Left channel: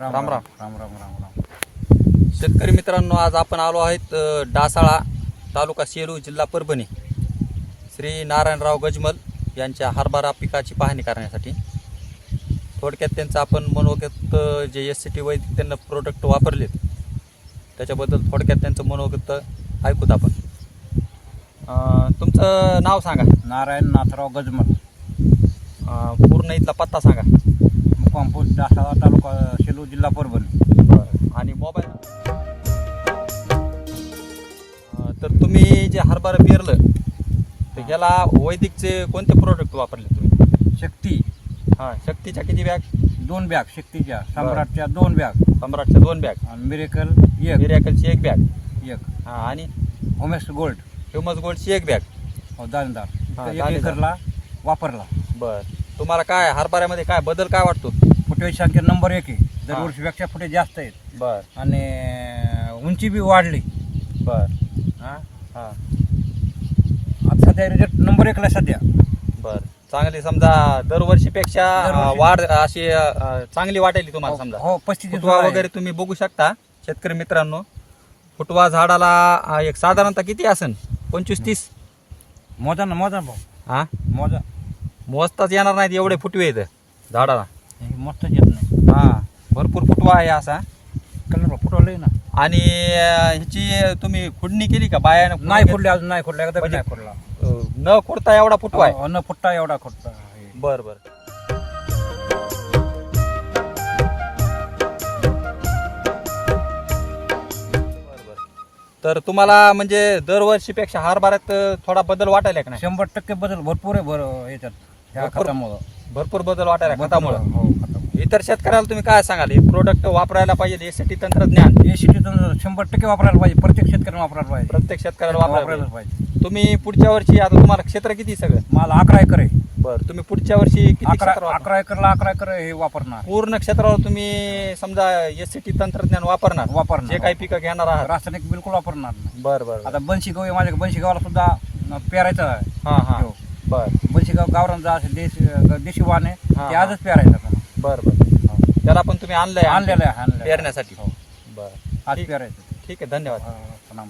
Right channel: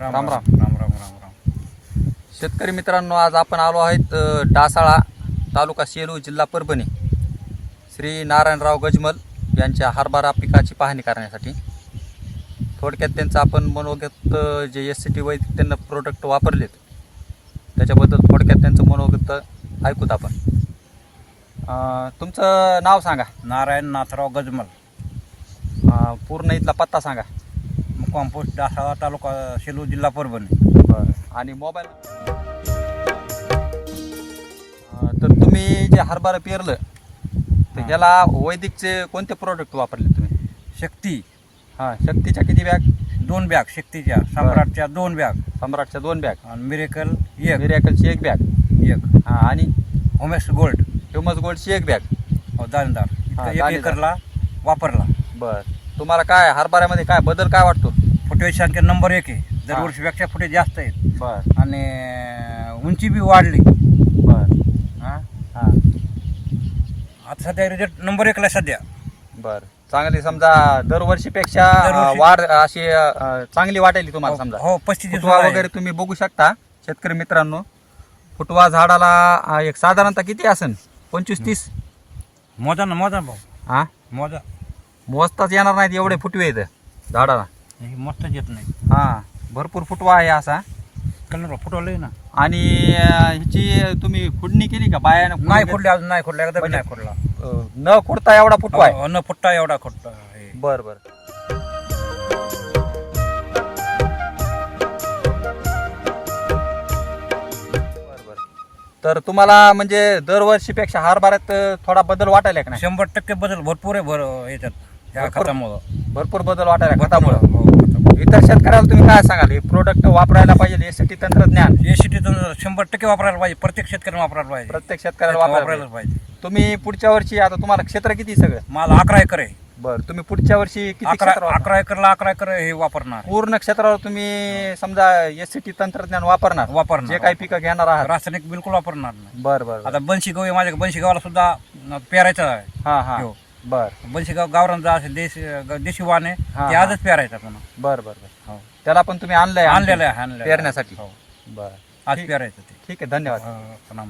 राम राम राम. राम. राम राम राम. शेतकरी मित्रांनो आज आपण आलो आहेत डासाळा तालुका सेलू जिल्हा परभणी. श्री नारायणराव गजमल यांच्या हरभरा पिकाची पाहणी करण्यासाठी. थोडक्यात त्यांचं आपण मनोगत जे एस सी टी वैदिक त्यांना प्रोडक्ट वापरलेत त्याच्याबद्दल थोडक्यात त्यांचं मनोगत ऐकूत आपण. तुमचं नाव सांगा. नारायण नाथराव गजमल. पूर्ण इथला पत्ता सांगा. मुक्काम पोस्ट डासाळा तालुका सेलू जिल्हा परभणी. बरं. आणि मोबाईल अं, तर तुम्ही जे हरभरा पेरलं तर याला वैदिकचे कोणते प्रोडक्ट वापरले तुम्ही? शक्ती. हां शक्तीच्या किती बॅग? दोन बॅग शक्तीच्या. सम्राटच्या दोन बॅग. सम्राटच्या दोन बॅग. आणि मिरेकल एक. मिरॅकलची एक बॅग. एक. हां आणि? होमेस गोल्ड. ह्युमस गोल्डची एक बॅग. हो दाणेदार. हा, इतकं एक दाणेदार. एकरला वापरला. बरं. तुम्हाला काय हरभऱ्यामध्ये काय बदल काय वाटतो? फुटवेची संख्या नंबर एक आहे. दरवर्षीपेक्षा फुटे जास्त आहेत. बरं. आणि उंची बी वाढली. बरं. हा. हां. आता सध्या रिझल्ट नंबर एकला सध्या. बरं. चांगली समजा दरवर्षीपेक्षा दरवर्षी. वाढ अशी अं, चांगली वाटेल तुम्हाला समजा. हो पस्तीस फुटवा वगैरे तुम्ही बघू शकता शेतकरी मित्रांनो. फुटवा झाडाला अं, एक साधारणतः किती असन? पंचवीस तीस? मोजा ना मोजा भाऊ. हा? मोजा. मोजताच येणार नाहीत एवढे फुटवे आहेत. झाडाला. हे मस्तच येत नाही. हा भरपूर फुटवा आहे असा. कलर फुटवलंय ना. आणि अं, ह्याची तुम्ही खुडणी केली का? बायानं नाही खोडले अजून नाही खोडले एकदा म्हणजे- नाही खोडला अं, न खुडता एवढा फुटवा आहे. न फुटता एवढा खोडता हे. बर बर. बर, बर. तर तुम्हाला म्हणजे दरवर्षीपेक्षा हरभऱ्यात अं, थोडा बदल वाटायला का नाही? शंभर टक्के बदल भरपूर आहे भर याच्यात. ह्या भरपूर? खतामुळं. भरपूर बदल वाटायला खतामुळं. हो खतामुळं. इतर शेतकऱ्याला तुम्ही काय सांगाल? हे प्रोडक्ट वापरायला पाहिजे यासाठी तंत्रज्ञान. हे शेतीतून शंभर टक्के वापरायला पाहिजे. प्रत्येक शेतकऱ्याने वापरायला पाहिजे. प्रत्येक शेतकऱ्याला वापरायला पाहिजे. पाहिजे. तुम्ही पुढच्या वर्षी आता तुम्हाला क्षेत्र किती सगळं? मला अकरा एकर आहे. बरं तुम्ही पुढच्या वर्षी किती अकरा क्षेत्र वापरणार? अकरा एकरला अकरा एकर हे वापरणार. पूर्ण क्षेत्रावर तुम्ही समजा एस टी तंत्रज्ञान वापरणार. वापरणार. जे काही पिकं घेणार आहात. रासायनिक बिलकुल वापरणार नाही. बर बर आता बनशी गहू आहे माझ्या बनशी गावाला सुद्धा पेरायचं आहे. हा हा. हो. बर. बनशी गाव गावरांचा असेल देशी देशी वाण आहे हा, ते हा. आजच पेरायचं आपण बर बर. हो. त्याला पण तुम्ही आणलंय आणलेलं आहे आणलेलं आहे. पेरण्यासाठी. हो. बर. आज पेरायचं ते. ठीक आहे धन्यवाद. हा, राम